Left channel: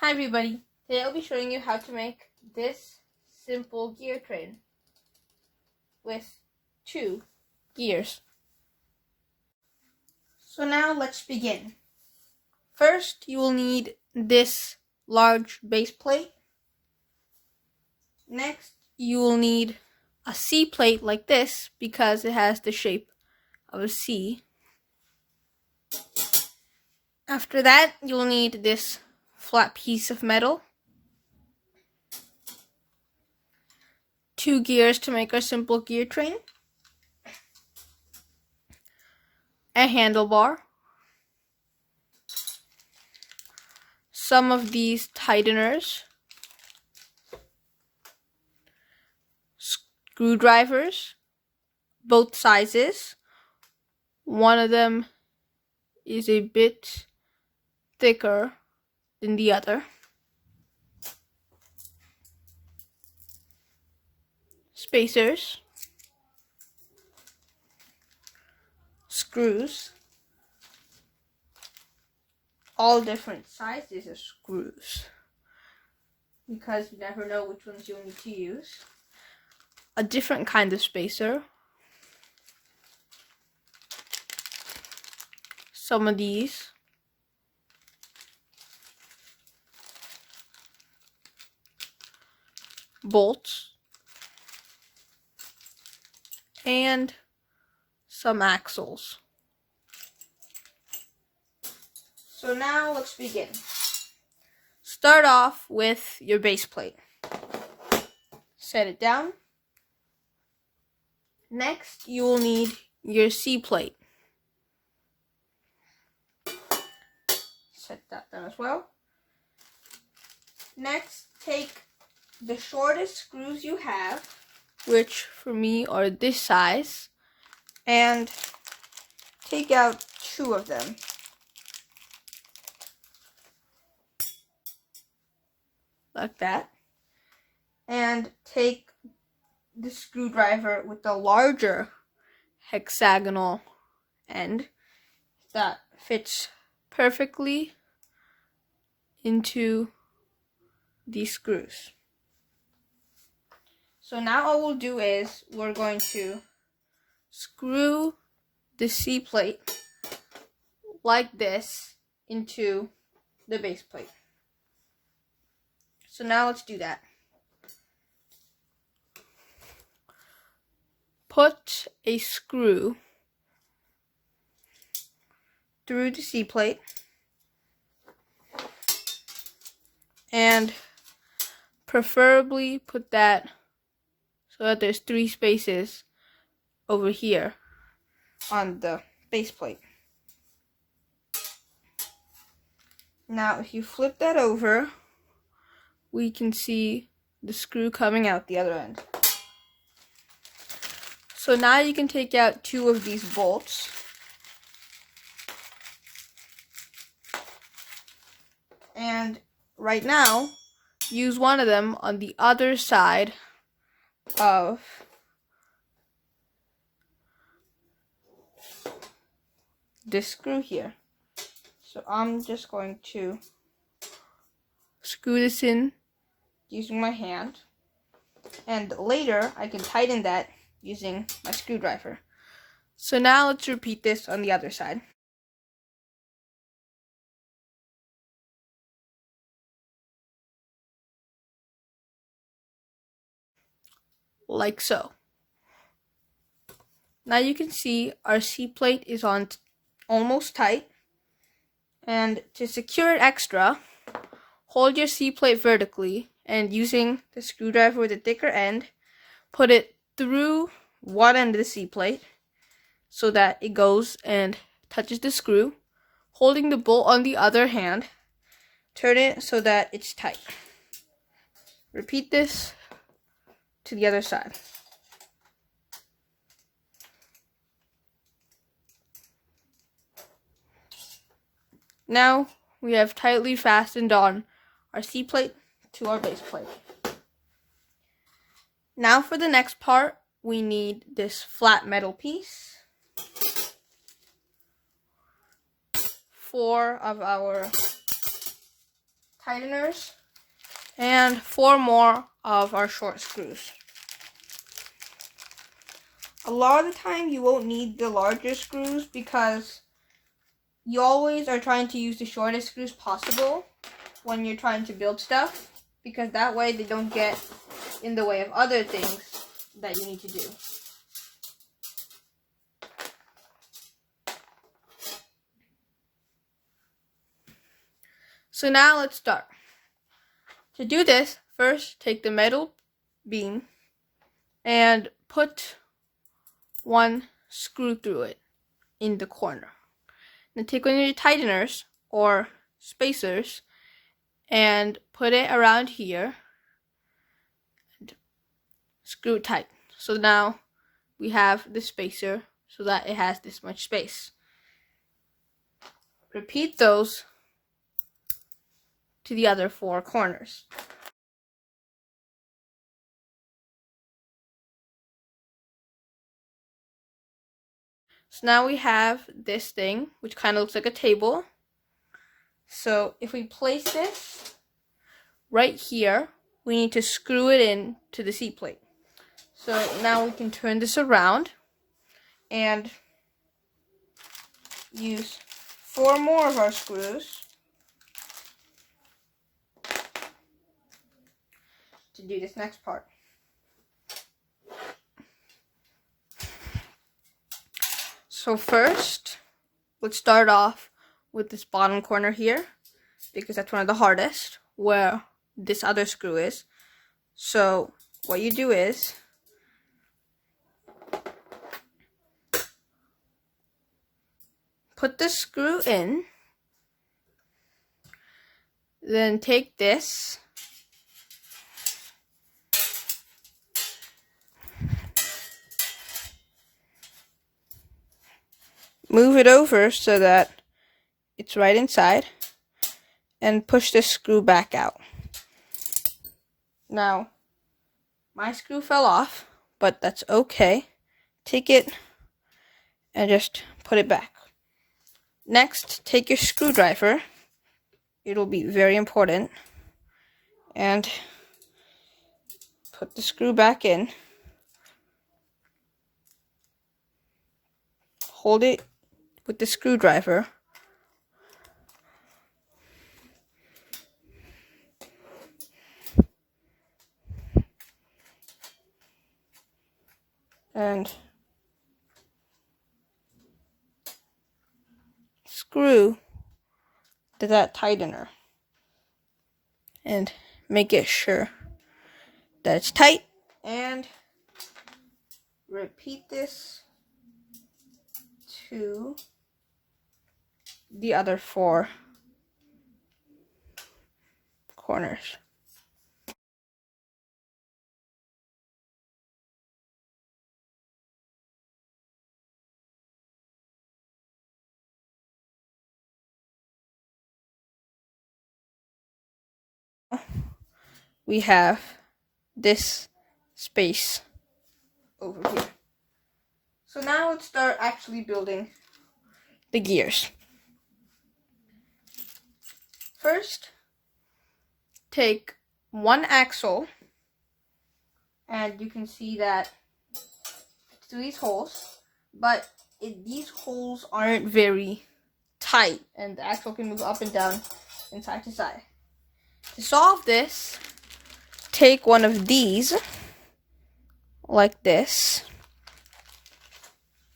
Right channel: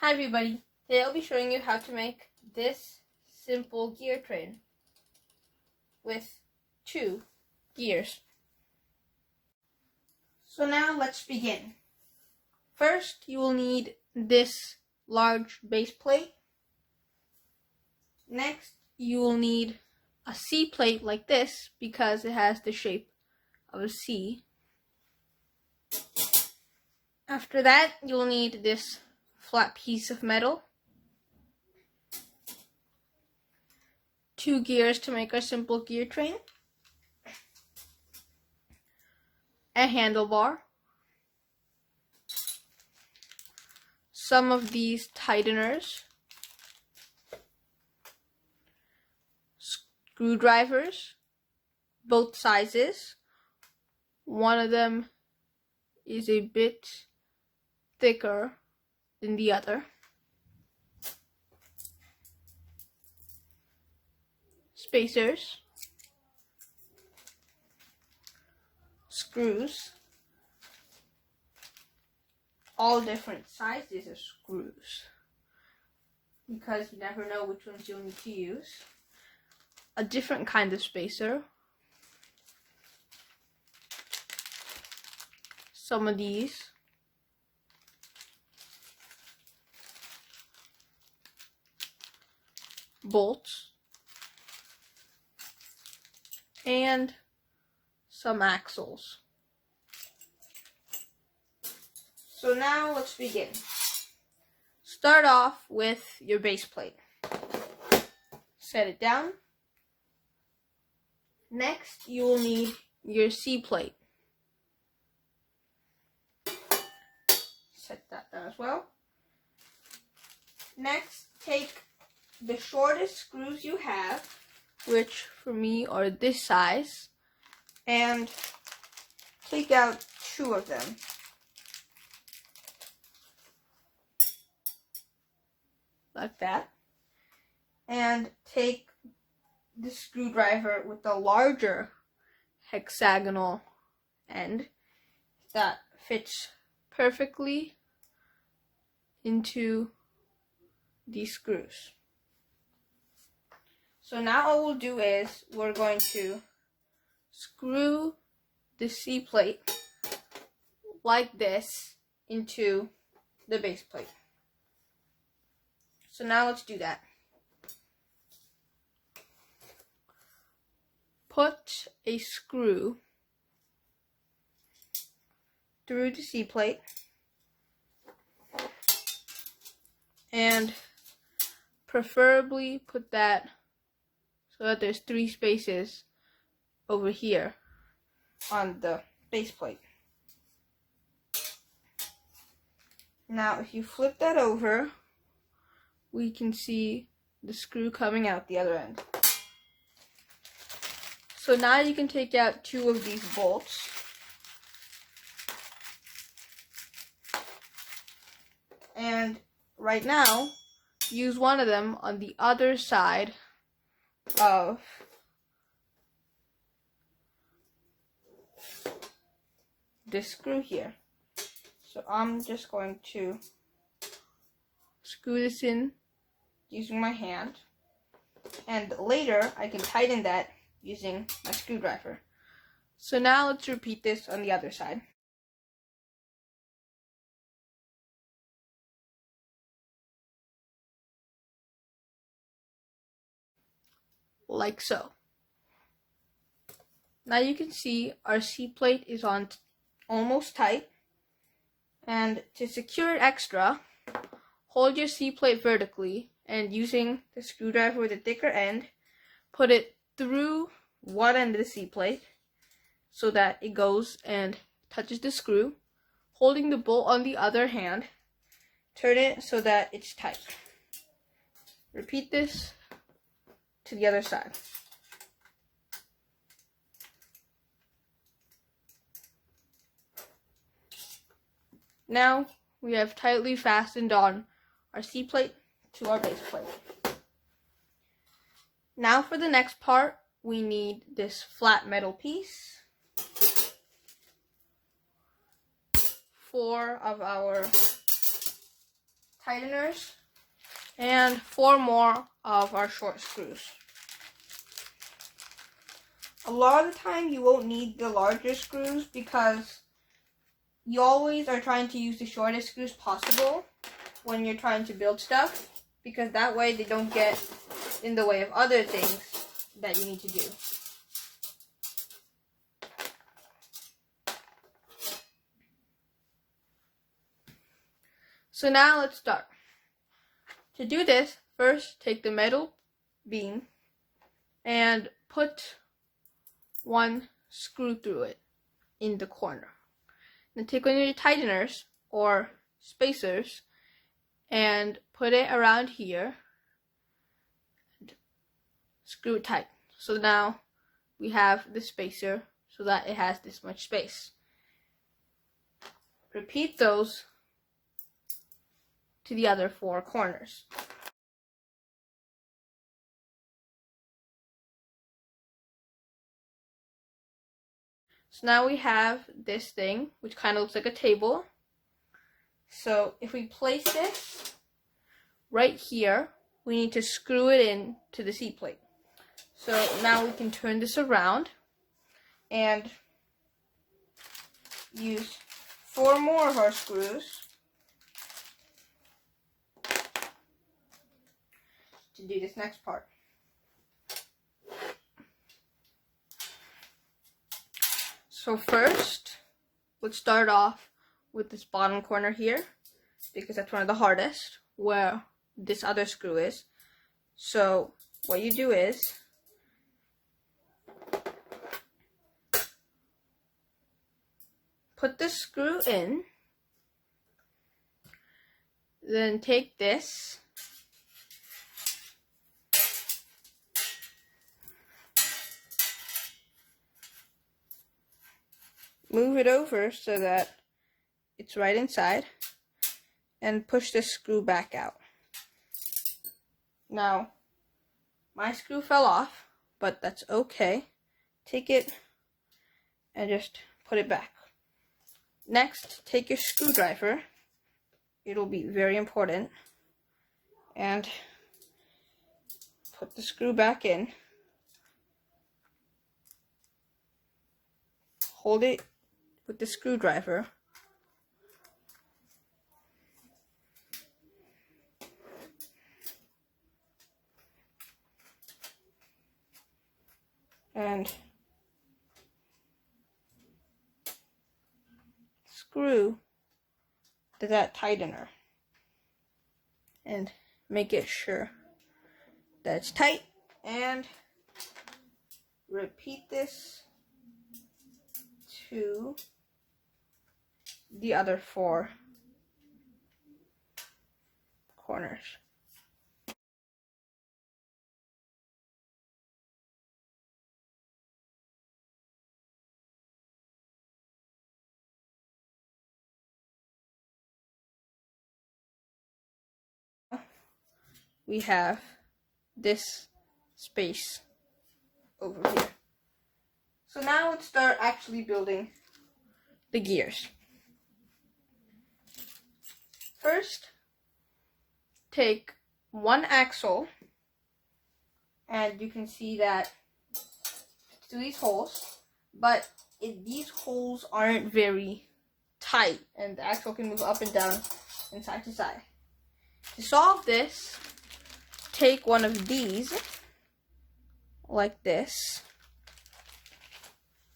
Hi everybody, today I'll be showing you how to make this simple gear train with 2 gears. So now let's begin. First you will need this large base plate. Next you will need a C plate like this because it has the shape of a C. After that you will need this flat piece of metal. 2 gears to make our simple gear train. A handlebar. Some of these tighteners. Screwdrivers, both sizes. One of them is a bit thicker than the other. Spacers. Screws. All different sizes of screws, because you never know which ones you'll need to use. A different kind of spacer. Some of these. Bolts. And some axles. So now let's begin. Start off with your base plate. Set it down. Next, you will need your C plate. Set that down as well. Next, take the shortest screws you have, which for me are this size, and take out 2 of them. Like that. And take the screwdriver with the larger hexagonal end that fits perfectly into these screws. So now all we'll do is we're going to screw the C plate like this into the base plate. So now let's do that. Put a screw through the C plate and preferably put that so that there's 3 spaces over here on the base plate. Now if you flip that over, we can see the screw coming out the other end. So now you can take out 2 of these bolts. And right now, use one of them on the other side of this screw here. So I'm just going to screw this in using my hand, and later I can tighten that using my screwdriver. So now let's repeat this on the other side. Like so. Now you can see our C plate is on almost tight, and to secure it extra, hold your C plate vertically and using the screwdriver with the thicker end, put it through one end of the C plate so that it goes and touches the screw. Holding the bolt on the other hand, turn it so that it's tight. Repeat this to the other side. Now we have tightly fastened on our C plate to our base plate. Now for the next part, we need this flat metal piece. 4 of our tighteners and 4 more of our short screws. A lot of the time you won't need the larger screws because you always are trying to use the shortest screws possible when you're trying to build stuff, because that way they don't get in the way of other things that you need to do. So now let's start. To do this, first take the metal beam and put one screw through it in the corner. Then take one of your tighteners or spacers and put it around here and screw it tight. So now we have the spacer so that it has this much space. Repeat those to the other 4 corners. So now we have this thing, which kind of looks like a table. So if we place this right here, we need to screw it in to the seat plate. So now we can turn this around and use 4 more of our screws to do this next part. So first, let's start off with this bottom corner here, because that's one of the hardest, where this other screw is. So what you do is put the screw in, then take this move it over so that it's right inside, and push this screw back out. Now, my screw fell off, but that's okay. Take it and just put it back. Next, take your screwdriver. It'll be very important. And put the screw back in. Hold it with the screwdriver. And screw to that tightener. And make it sure that it's tight. And repeat this to the other 4 corners. We have this space over here. So now let's start actually building the gears. First, take one axle, and you can see that it's through these holes, but these holes aren't very tight, and the axle can move up and down and side to side. To solve this, take one of these, like this,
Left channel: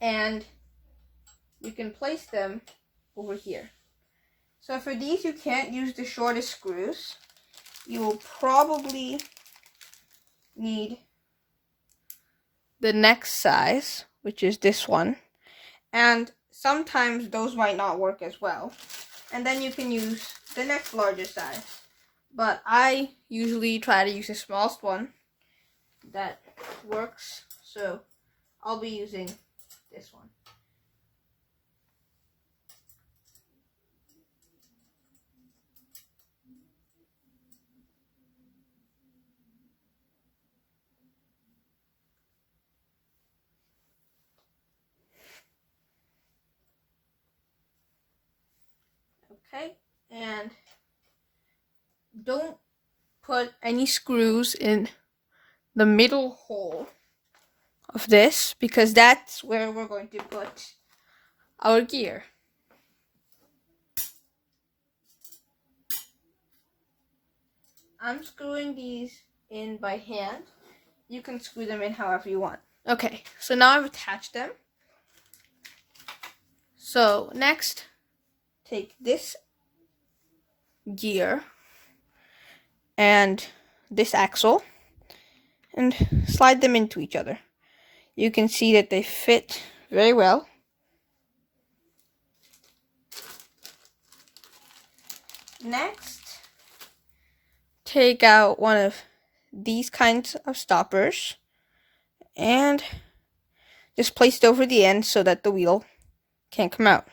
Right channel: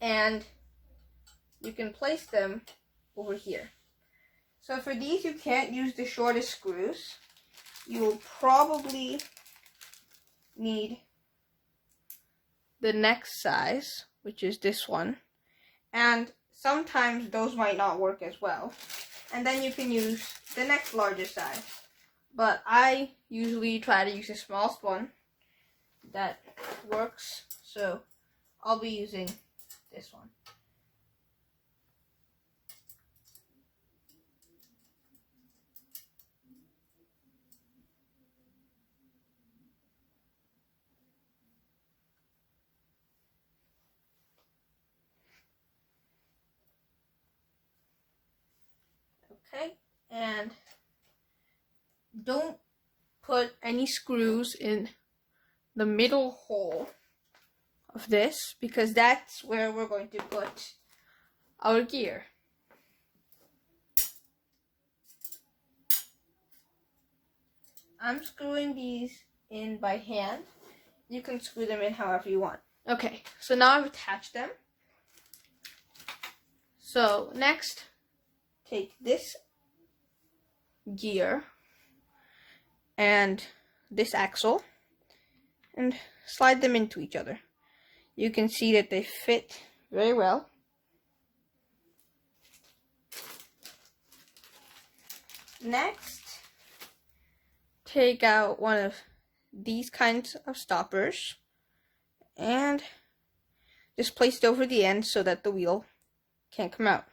and you can place them over here. So for these, you can't use the shortest screws. You will probably need the next size, which is this one, and sometimes those might not work as well. And then you can use the next largest size. But I usually try to use the smallest one that works, so I'll be using this one. Okay, and don't put any screws in the middle hole of this, because that's where we're going to put our gear. I'm screwing these in by hand. You can screw them in however you want. Okay, so now I've attached them. So next, take this gear and this axle and slide them into each other. You can see that they fit very well. Next, take out one of these kinds of stoppers and just place it over the end so that the wheel can't come out.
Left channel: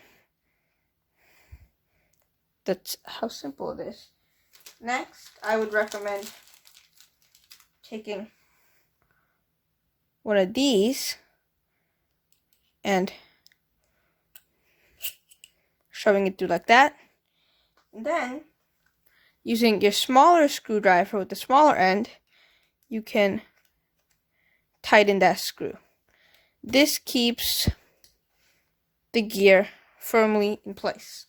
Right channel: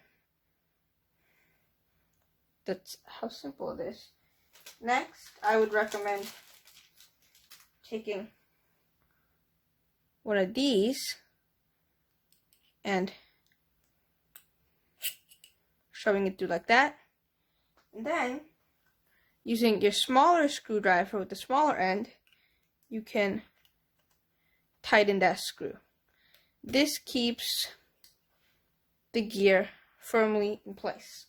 That's how simple it is. Next, I would recommend taking one of these and shoving it through like that. And then, using your smaller screwdriver with the smaller end, you can tighten that screw. This keeps the gear firmly in place.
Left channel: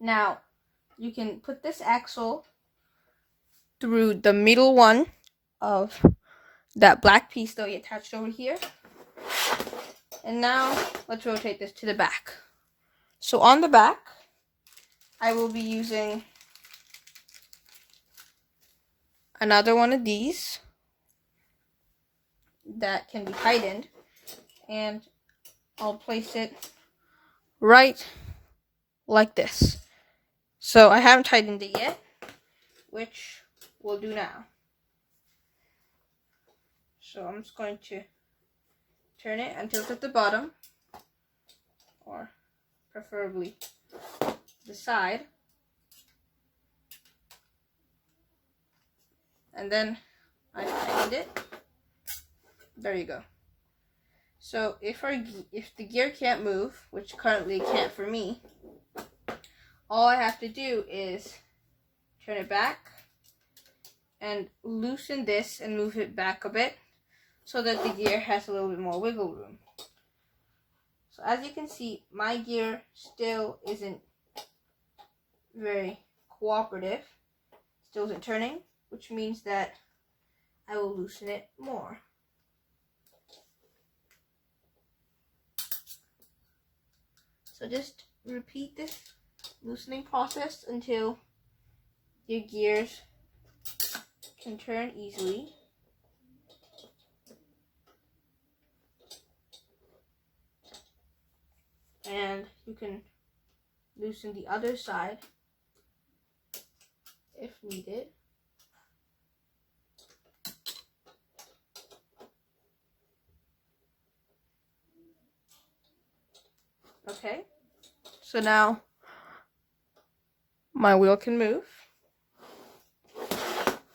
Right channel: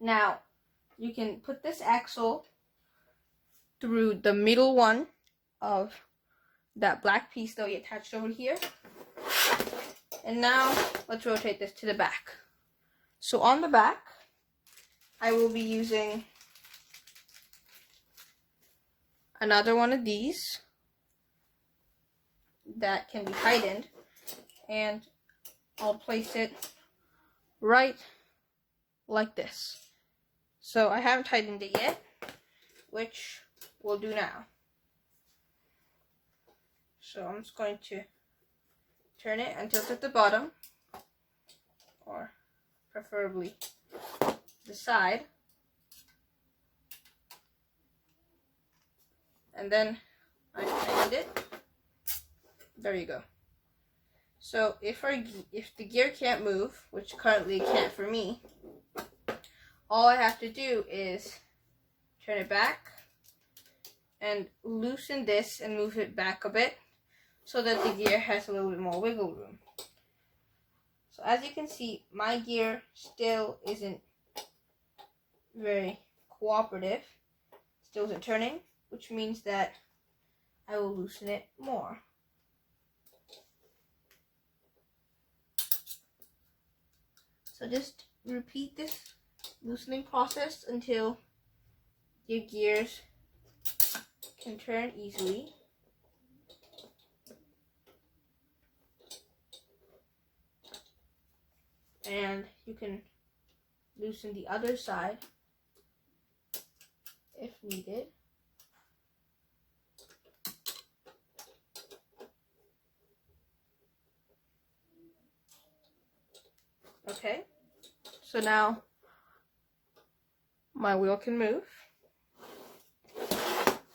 Now, you can put this axle through the middle one of that black piece that we attached over here. And now, let's rotate this to the back. So on the back, I will be using another one of these that can be tightened, and I'll place it right like this. So I haven't tightened it yet, which we'll do now. So I'm just going to turn it until it's at the bottom, or preferably the side. And then I tightened it. There you go. So if the gear can't move, which currently it can't for me, all I have to do is turn it back and loosen this and move it back a bit so that the gear has a little bit more wiggle room. So as you can see, my gear still isn't very cooperative. Still isn't turning, which means that I will loosen it more. So just repeat this loosening process until your gears can turn easily. And you can loosen the other side if needed. Okay, so now my wheel can move.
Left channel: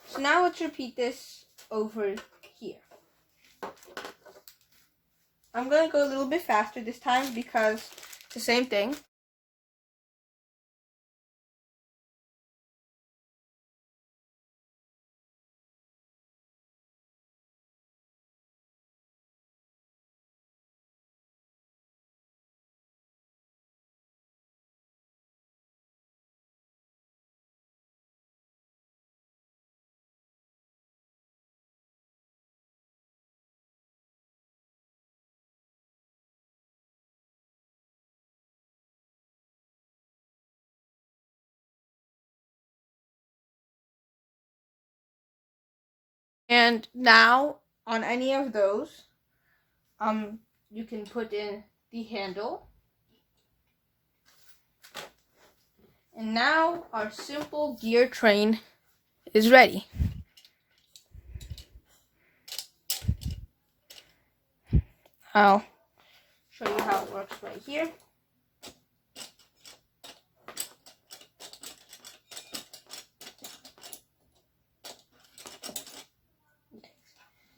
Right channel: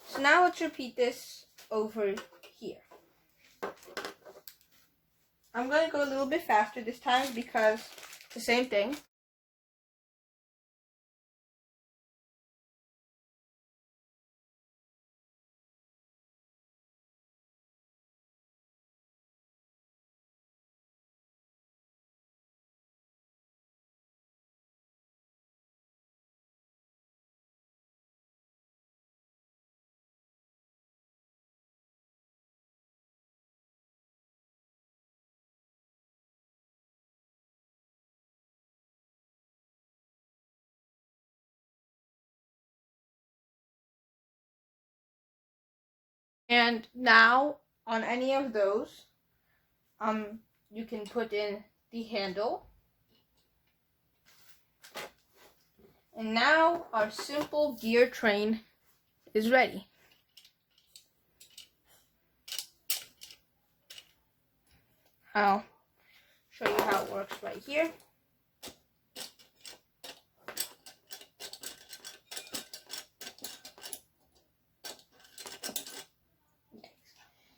So now let's repeat this over here. I'm going to go a little bit faster this time because it's the same thing. And now on any of those, you can put in the handle. And now our simple gear train is ready. I'll show you how it works right here.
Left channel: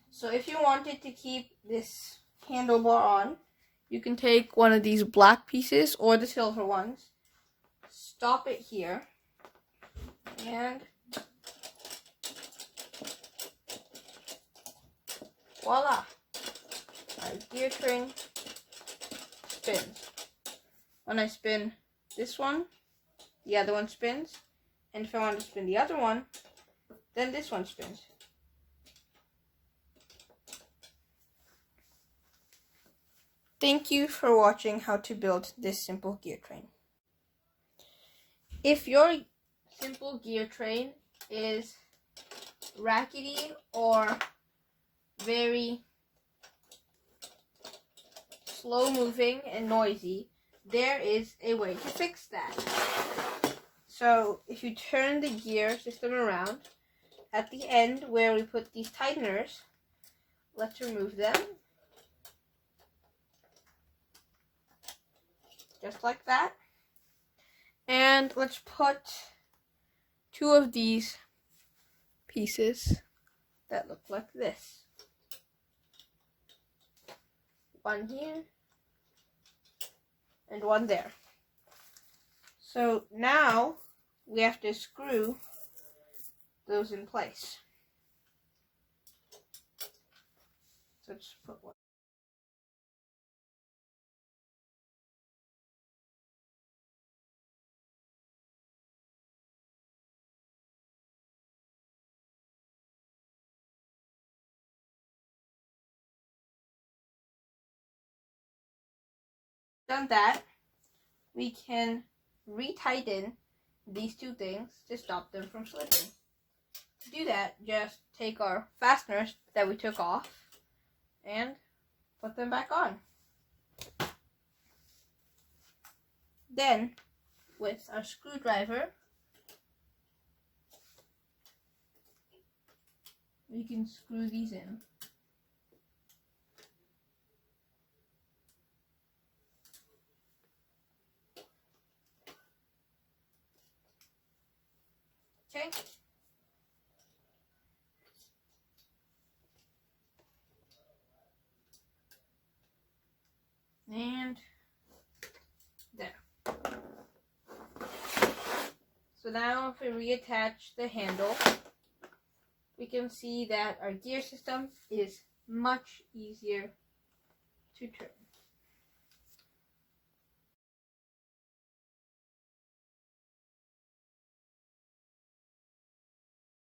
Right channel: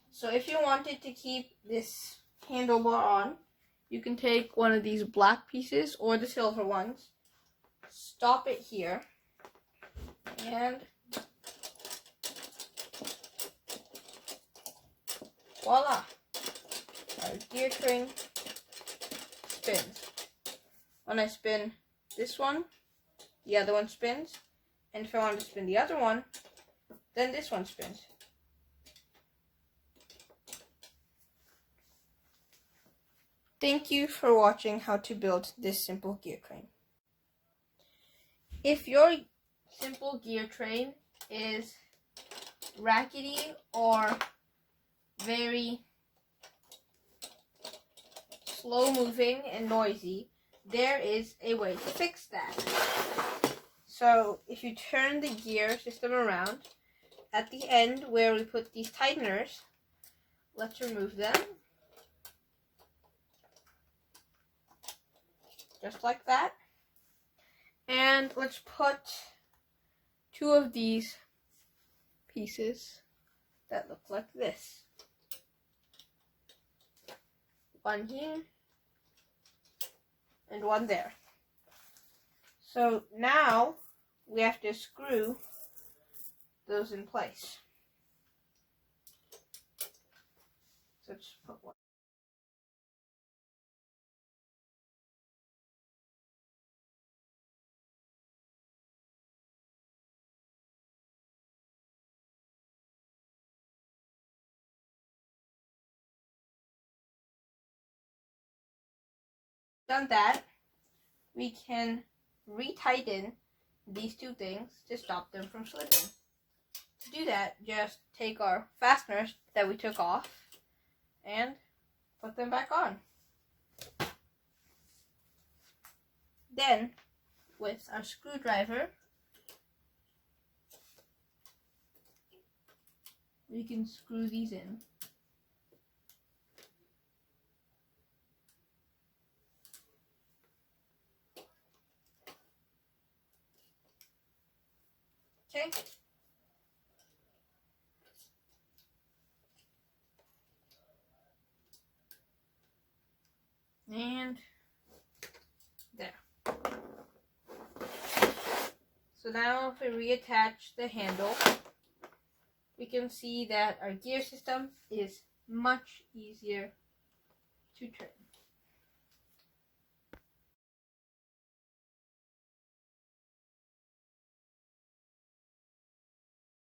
So if you wanted to keep this handlebar on, you can take one of these black pieces or the silver ones, stop it here, And voila! Our gear train spins. When I spin this one, the other one spins. And if I want to spin the other one, then this one spins. Thank you for watching how to build this simple gear train. If your simple gear train is rackety or very slow moving and noisy, there is a way to fix that. So if you turn the gear system around, at the end where we put these tighteners, let's remove them. Just like that. And let's put 2 of these pieces that look like this. One here and one there. So now we have to screw those in place. So just put one. Done that, we can retighten these 2 things to stop them from slipping. To do that, just take our fasteners that we took off and put them back on. Then, with our screwdriver, we can screw these in. Okay. And there. So now if we reattach the handle, we can see that our gear system is much easier to turn.